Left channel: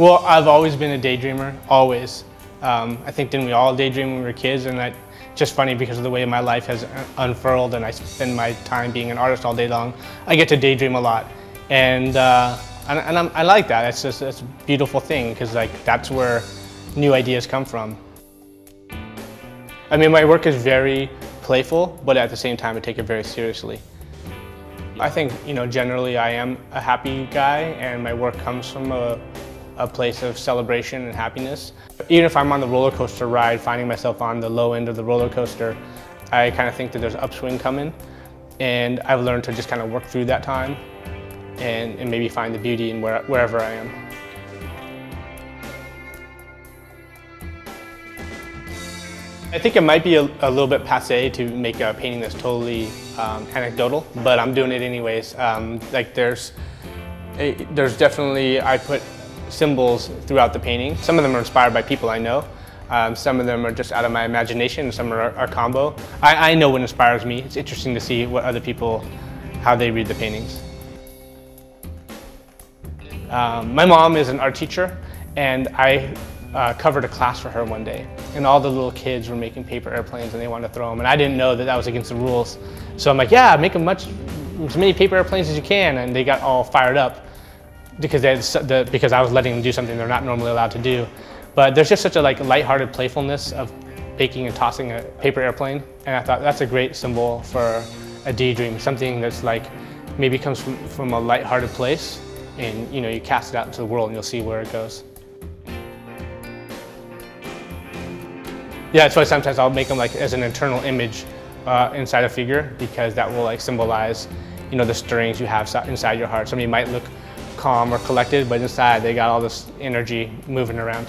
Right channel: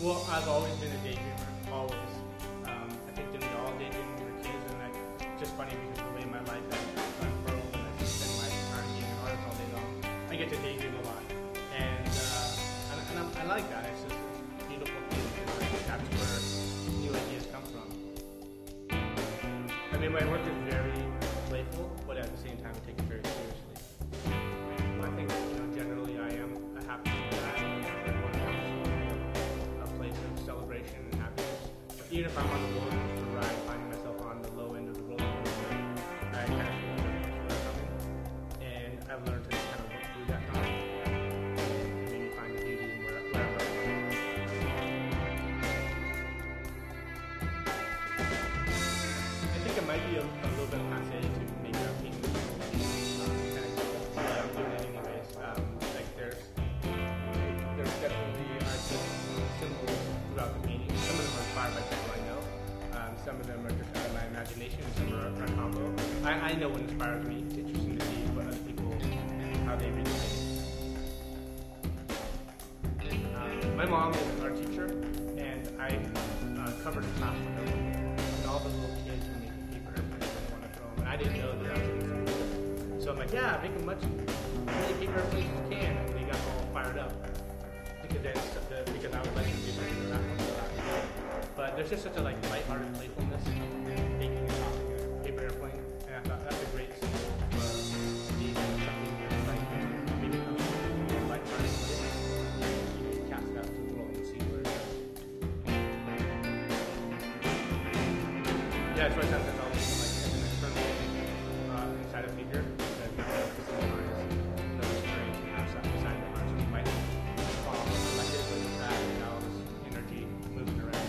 Well, I've always been a daydreamer, always. I think didn't we all daydream when we were kids, and that's just funny because of the way my life has unfurled and I spend my time being an artist all day long. I get to daydream a lot, and I like that. It's a beautiful thing because like that's where new ideas come from. I mean, my work is very playful, but at the same time, I take it very seriously. I think, generally I am a happy guy, and my work comes from a place of celebration and happiness. Even if I'm on the roller coaster ride, finding myself on the low end of the roller coaster, I kind of think that there's an upswing coming, and I've learned to just kind of work through that time and maybe find the beauty in wherever I am. I think it might be a little bit passé to make a painting that's totally anecdotal, but I'm doing it anyways. Like there's definitely, I put symbols throughout the painting. Some of them are inspired by people I know. Some of them are just out of my imagination, and some are combo. I know what inspires me. It's interesting to see what other people, how they read the paintings. My mom is an art teacher, and I covered a class for her one day, and all the little kids were making paper airplanes and they wanted to throw them, and I didn't know that that was against the rules. So I'm like, yeah, make as many paper airplanes as you can, and they got all fired up because I was letting them do something they're not normally allowed to do. But there's just such a lighthearted playfulness of making and tossing a paper airplane, and I thought that's a great symbol for a daydream, something that's like maybe comes from a lighthearted place, and you cast it out into the world and you'll see where it goes. Yeah, that's why sometimes I'll make them as an internal image inside a figure, because that will symbolize, the stirrings you have inside your heart. Somebody might look calm or collected, but inside they got all this energy moving around.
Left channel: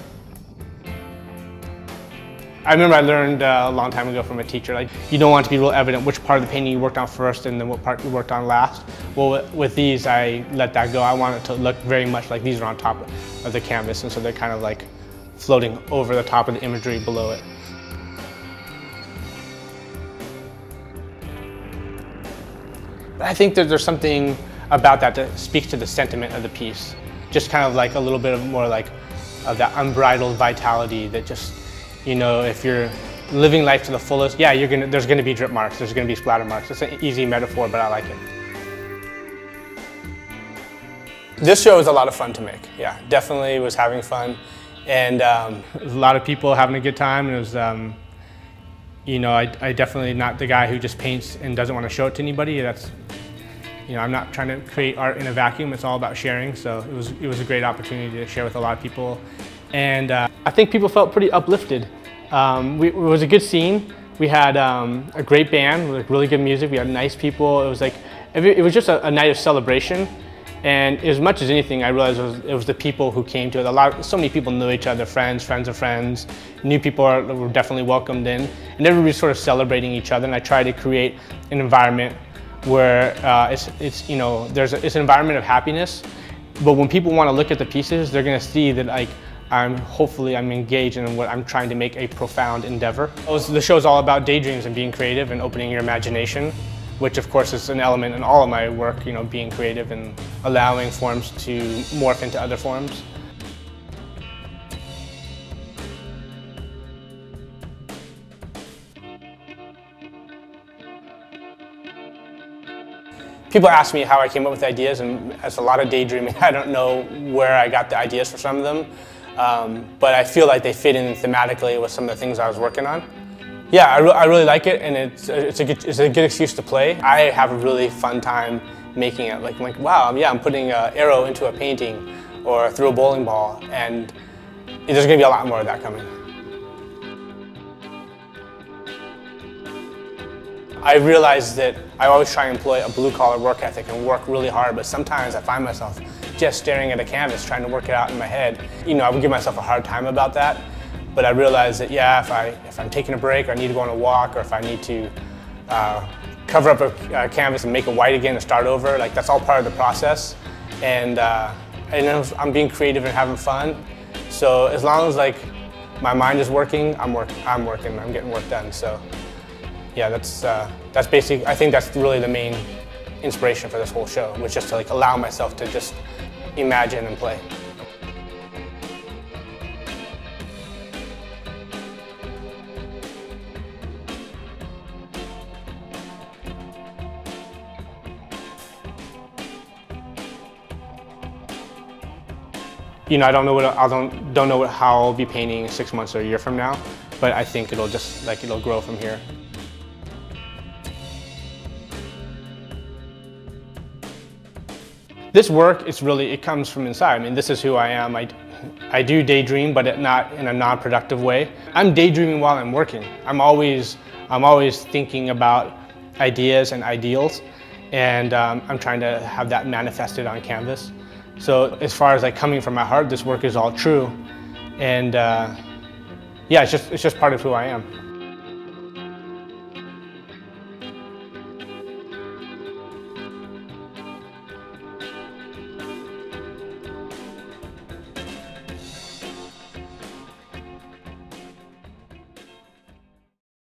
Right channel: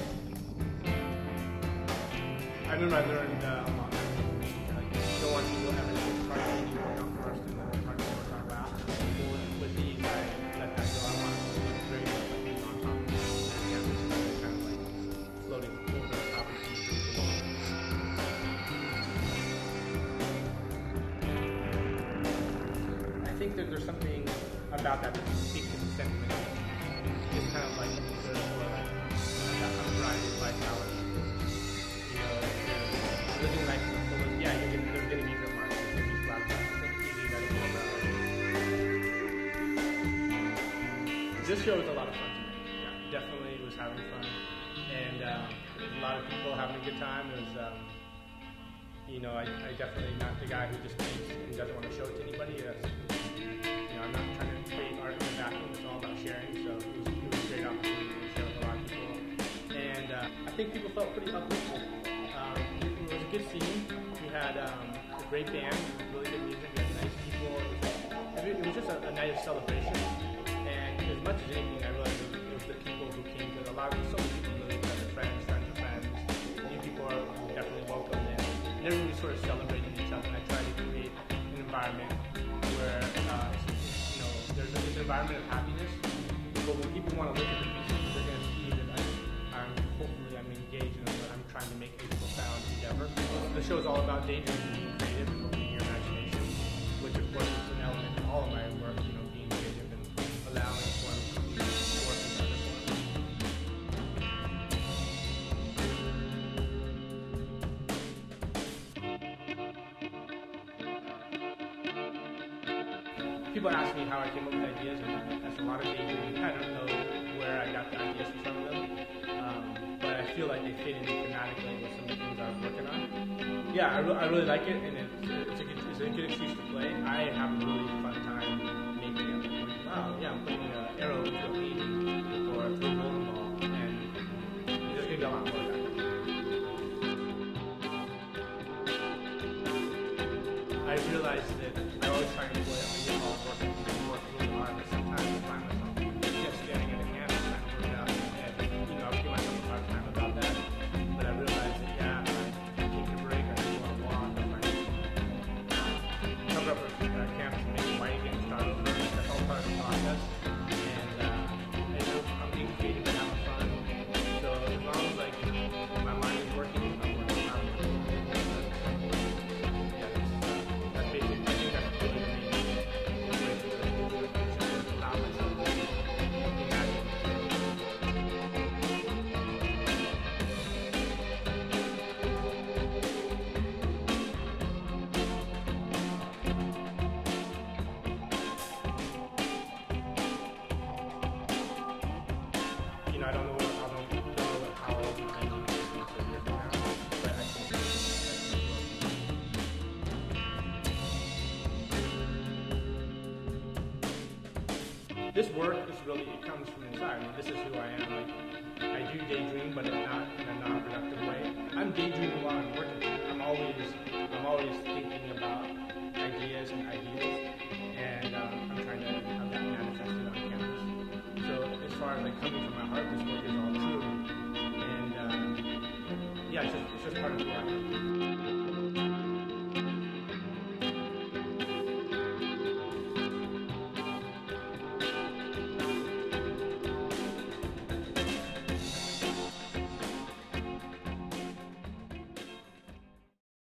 I remember I learned a long time ago from a teacher, you don't want to be real evident which part of the painting you worked on first and then what part you worked on last. Well, with these, I let that go. I want it to look very much like these are on top of the canvas, and so they're kind of floating over the top of the imagery below it. I think that there's something about that speaks to the sentiment of the piece. Just kind of a little bit more of that unbridled vitality that just, if you're living life to the fullest, yeah, there's gonna be drip marks, there's gonna be splatter marks. It's an easy metaphor, but I like it. This show was a lot of fun to make, yeah. Definitely was having fun. And there's a lot of people having a good time. And it was, I definitely not the guy who just paints and doesn't want to show it to anybody. That's, I'm not trying to create art in a vacuum. It's all about sharing. So it was a great opportunity to share with a lot of people. And I think people felt pretty uplifted. It was a good scene. We had a great band with really good music. We had nice people. It was just a night of celebration. And as much as anything, I realized it was the people who came to it. So many people knew each other, friends of friends. New people were definitely welcomed in. And everybody's sort of celebrating each other. And I try to create an environment where it's an environment of happiness. But when people want to look at the pieces, they're going to see that hopefully I'm engaged in what I'm trying to make a profound endeavor. The show's all about daydreams and being creative and opening your imagination, which of course is an element in all of my work, being creative and allowing forms to morph into other forms. People ask me how I came up with ideas, and as a lot of daydreaming, I don't know where I got the ideas for some of them, but I feel like they fit in thematically with some of the things I was working on. Yeah, I really like it, and it's a good excuse to play. I have a really fun time making it. Like wow, yeah, I'm putting an arrow into a painting or through a bowling ball, and there's going to be a lot more of that coming. I realized that I always try and employ a blue-collar work ethic and work really hard, but sometimes I find myself just staring at a canvas trying to work it out in my head. I would give myself a hard time about that. But I realized that, yeah, if I'm taking a break, or I need to go on a walk, or if I need to cover up a canvas and make it white again and start over, that's all part of the process. And I'm being creative and having fun. So as long as my mind is working, I'm working, I'm getting work done. So yeah, that's basically, I think that's really the main inspiration for this whole show, was just to allow myself to just imagine and play. You know, I don't know how I'll be painting 6 months or a year from now, but I think it'll just it'll grow from here. This work is really, it comes from inside. I mean, this is who I am. I do daydream, but not in a non-productive way. I'm daydreaming while I'm working. I'm always thinking about ideas and ideals, and I'm trying to have that manifested on canvas. So as far as coming from my heart, this work is all true, and yeah, it's just part of who I am.